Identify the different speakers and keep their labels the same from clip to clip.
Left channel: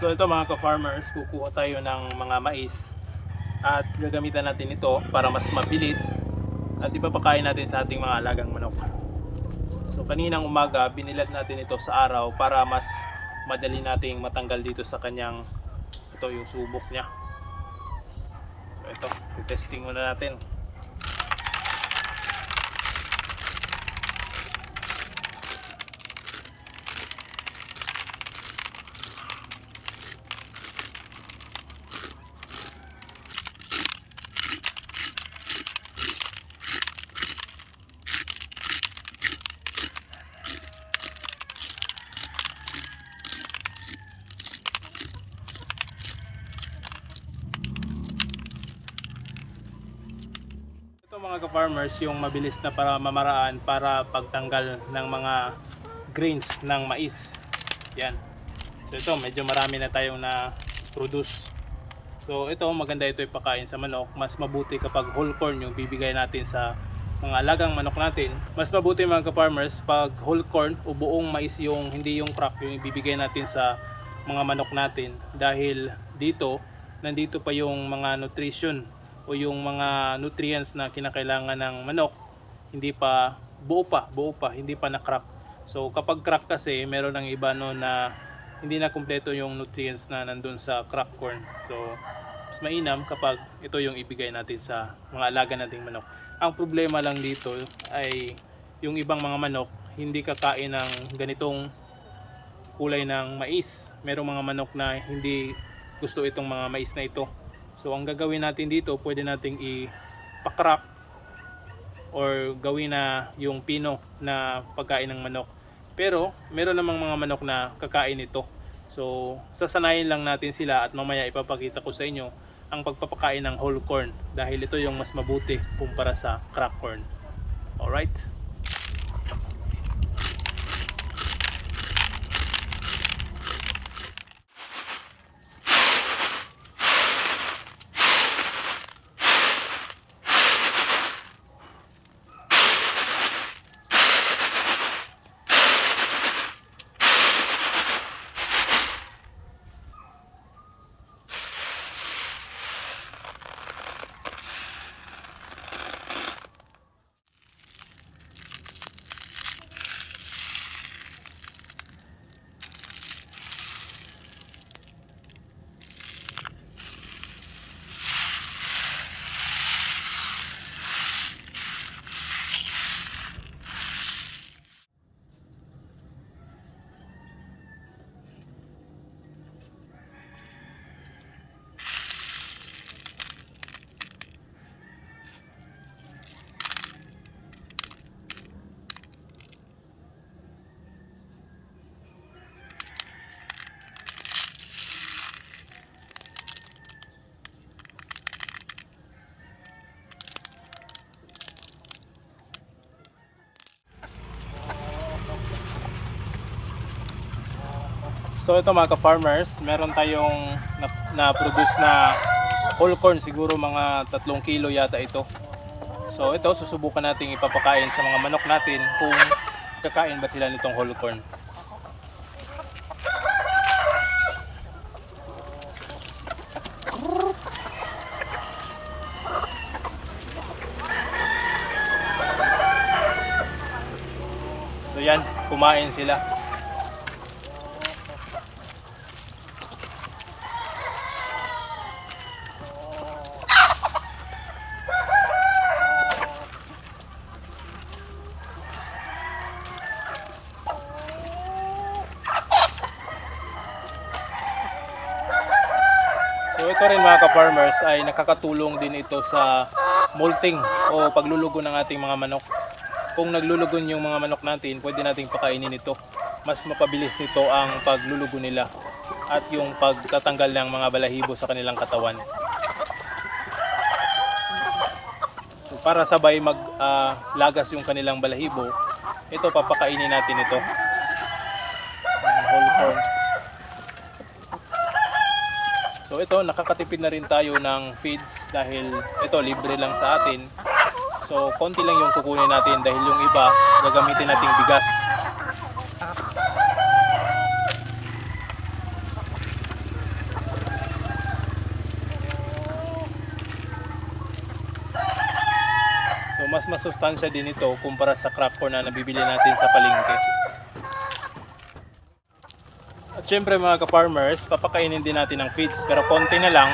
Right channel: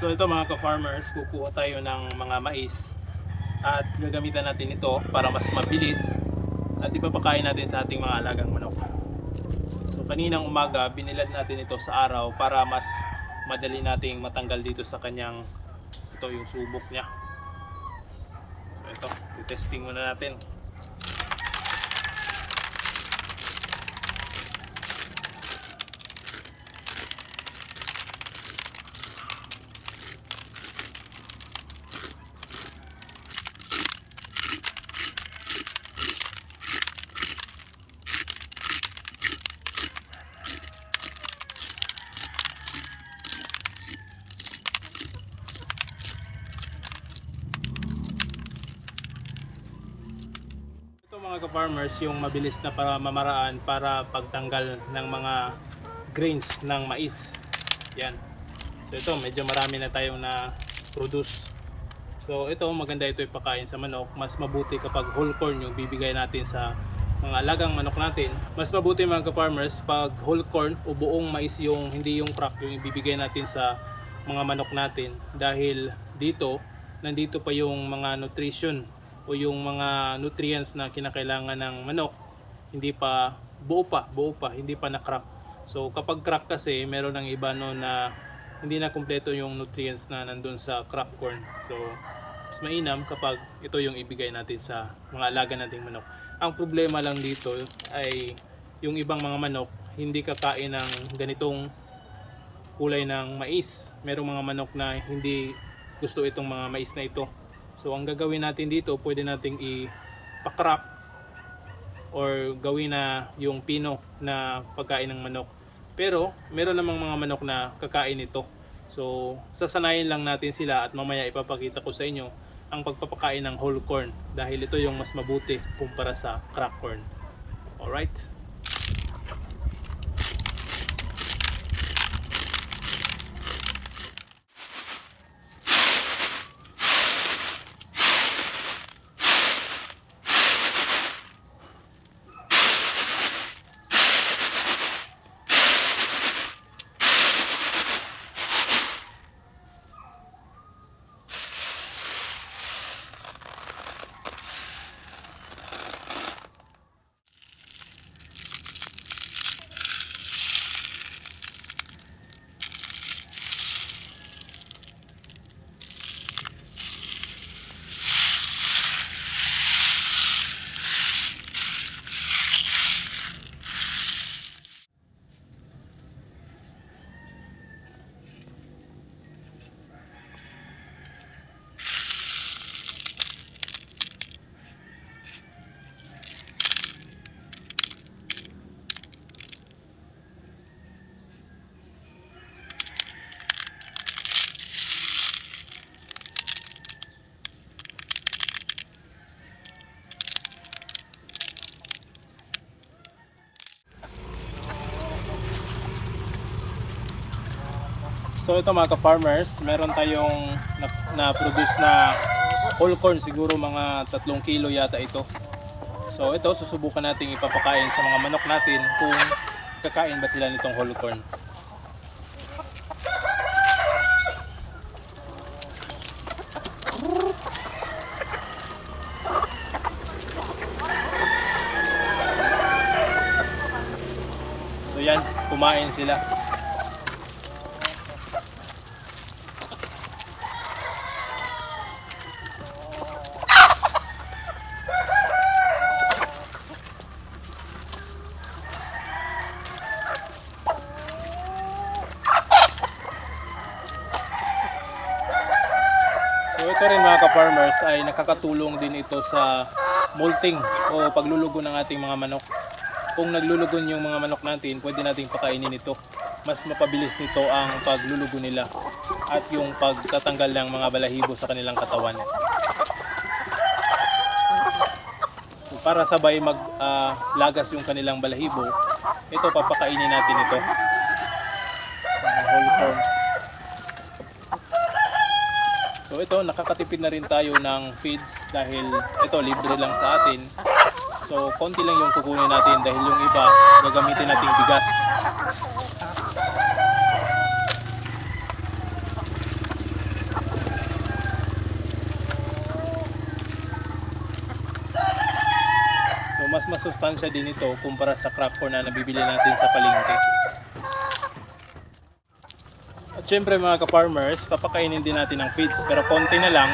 Speaker 1: So ito mga ka-farmers, kukuha tayo ng mga mais at gagamitan natin ito para mas mabilis at ipapakain natin sa ating mga alagang manok. So kaninang umaga, binilad natin ito sa araw para mas madali nating matanggal dito sa kanyang ito yung subok niya. So ito, testing muna natin. Mga ka-farmers, yung mabilis na para mamaraan para pagtanggal ng mga grains ng mais. Yan. So ito, medyo marami na tayong na produce. So ito, maganda ito ipakain sa manok. Mas mabuti kapag whole corn yung bibigay natin sa mga alagang manok natin. Mas mabuti mga ka-farmers pag whole corn o buong mais yung hindi yung crop yung ibibigay natin sa mga manok natin. Dahil dito, nandito pa yung mga nutrition o yung mga nutrients na kinakailangan ng manok hindi pa buo pa, buo pa, hindi pa na-crack. So kapag crack kasi, meron ng iba no na hindi na kumpleto yung nutrients na nandun sa crack corn. So mas mainam kapag ito yung ibigay natin sa mga alaga nating manok. Ang problema lang dito ay yung ibang mga manok hindi kakain ng ganitong kulay ng mais. Merong mga manok na hindi gusto itong mga mais na ito. So ang gagawin natin dito, pwede nating ipakrap or gawin na yung pino na pagkain ng manok. Pero meron namang mga manok na kakain ito. So sasanayin lang natin sila at mamaya ipapakita ko sa inyo ang pagpapakain ng whole corn dahil ito yung mas mabuti kumpara sa crack corn. Alright? So ito mga ka-farmers, meron tayong na- na-produce na whole corn siguro mga 3 kilo yata ito. So ito susubukan nating ipapakain sa mga manok natin kung kakain ba sila nitong whole corn. So yan, kumain sila. Ito rin mga ka-farmers ay nakakatulong din ito sa molting o paglulugo ng ating mga manok. Kung naglulugon yung mga manok natin, pwede nating pakainin ito. Mas mapabilis nito ang paglulugo nila at yung pagtatanggal ng mga balahibo sa kanilang katawan. So para sabay maglagas yung kanilang balahibo, ito papakainin natin ito. Whole corn. So ito, nakakatipid na rin tayo ng feeds dahil ito, libre lang sa atin. So konti lang yung kukunin natin dahil yung iba, gagamitin nating bigas. So mas masustansya din ito kumpara sa crack corn na nabibili natin sa palengke. At syempre mga ka-farmers, papakainin din natin ng feeds pero konti na lang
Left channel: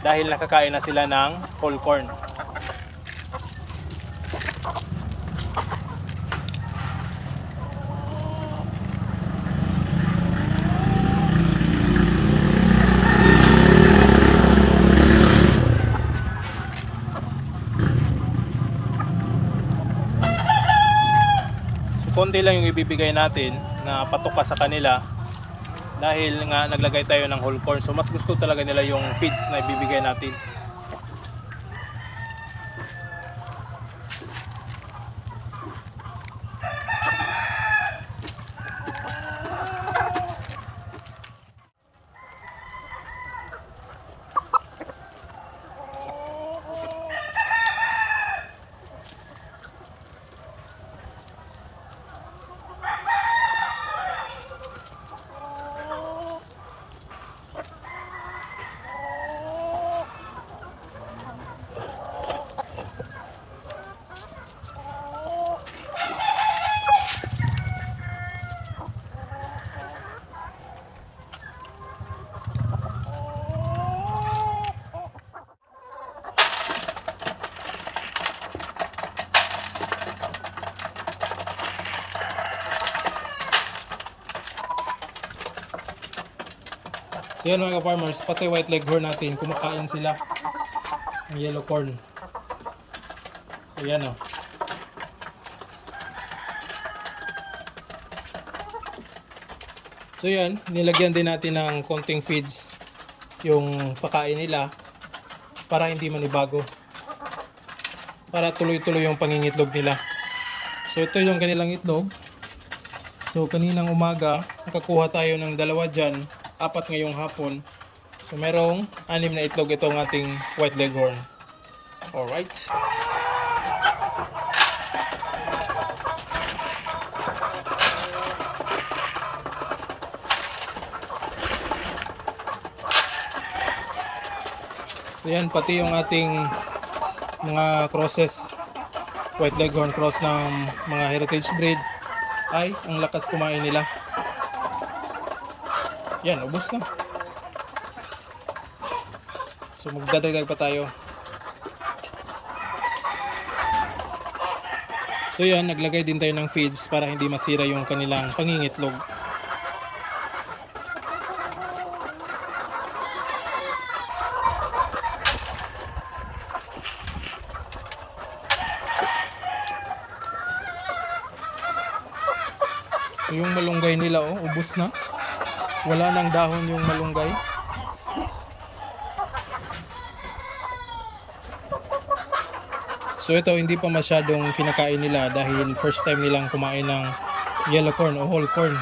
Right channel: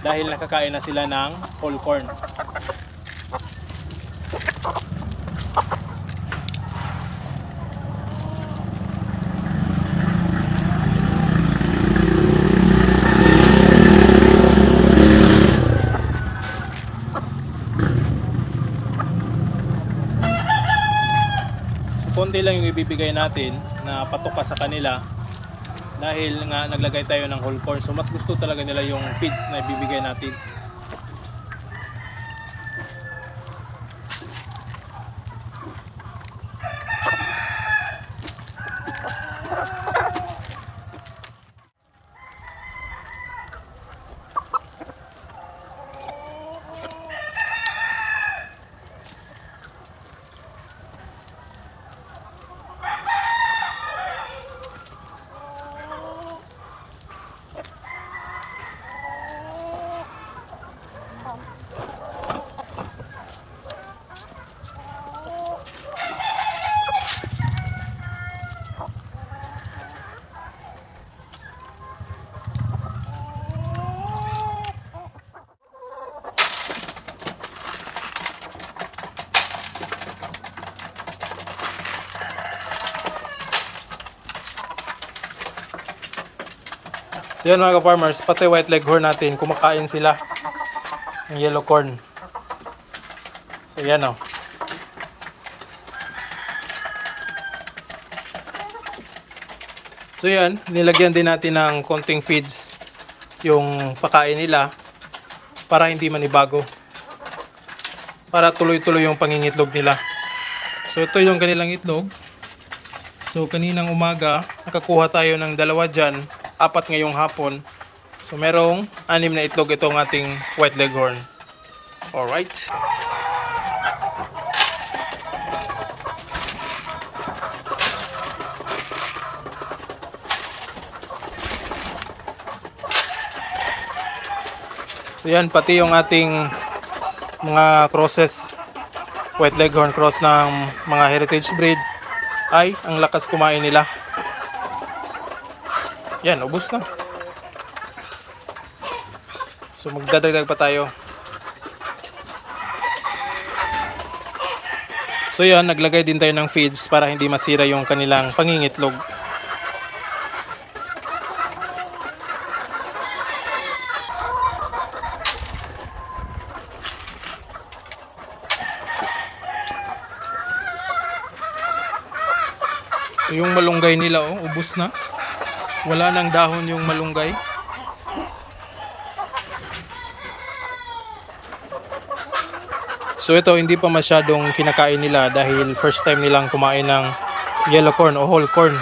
Speaker 1: dahil nakakain na sila ng whole corn. Konti lang yung ibibigay natin na patuka sa kanila dahil nga naglagay tayo ng whole corn. So mas gusto talaga nila yung feeds na ibibigay natin. So yan mga farmers pati white leghorn natin, kumakain sila ng yellow corn. So yan o. So yan, nilagyan din natin ng konting feeds yung pakain nila para hindi manibago. Para tuloy-tuloy yung pangingitlog nila. So ito yung kanilang itlog. So kaninang umaga, nakakuha tayo ng dalawa dyan, apat ngayong hapon. So merong anim na itlog itong ating white leghorn. Alright. Yan, pati yung ating mga crosses, white leghorn cross ng mga heritage breed, ay ang lakas kumain nila. Yan, ubos na. So magdadagdag pa tayo. So yan, naglagay din tayo ng feeds para hindi masira yung kanilang pangingitlog. So yung malunggay nila oh, ubos na. Wala nang dahon yung malunggay. So ito hindi pa masyadong kinakain nila dahil first time nilang kumain ng yellow corn o whole corn.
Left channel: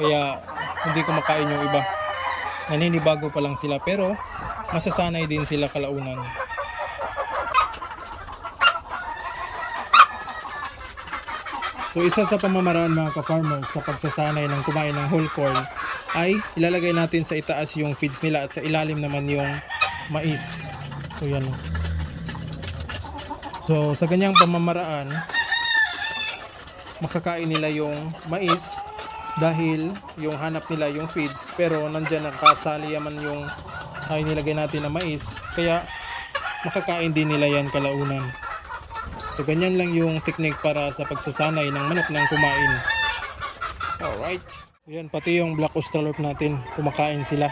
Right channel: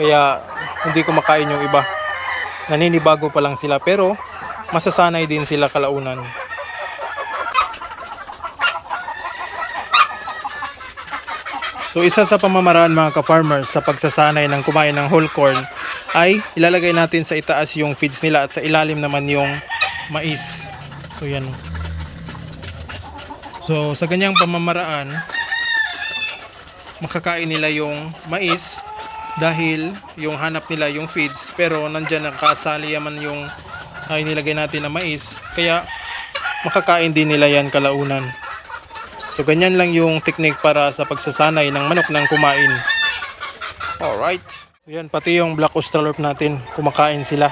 Speaker 1: Kaya hindi kumakain yung iba. Naninibago pa lang sila pero masasanay din sila kalaunan. So isa sa pamamaraan mga ka-farmers sa pagsasanay ng kumain ng whole corn ay ilalagay natin sa itaas yung feeds nila at sa ilalim naman yung mais. So yan. So sa ganyang pamamaraan makakain nila yung mais dahil yung hanap nila yung feeds pero nandyan nakasali yaman yung ay nilagay natin na mais kaya makakain din nila yan kalaunan. So ganyan lang yung technique para sa pagsasanay ng manok ng kumain. Alright. So yan, pati yung black australorp natin, kumakain sila.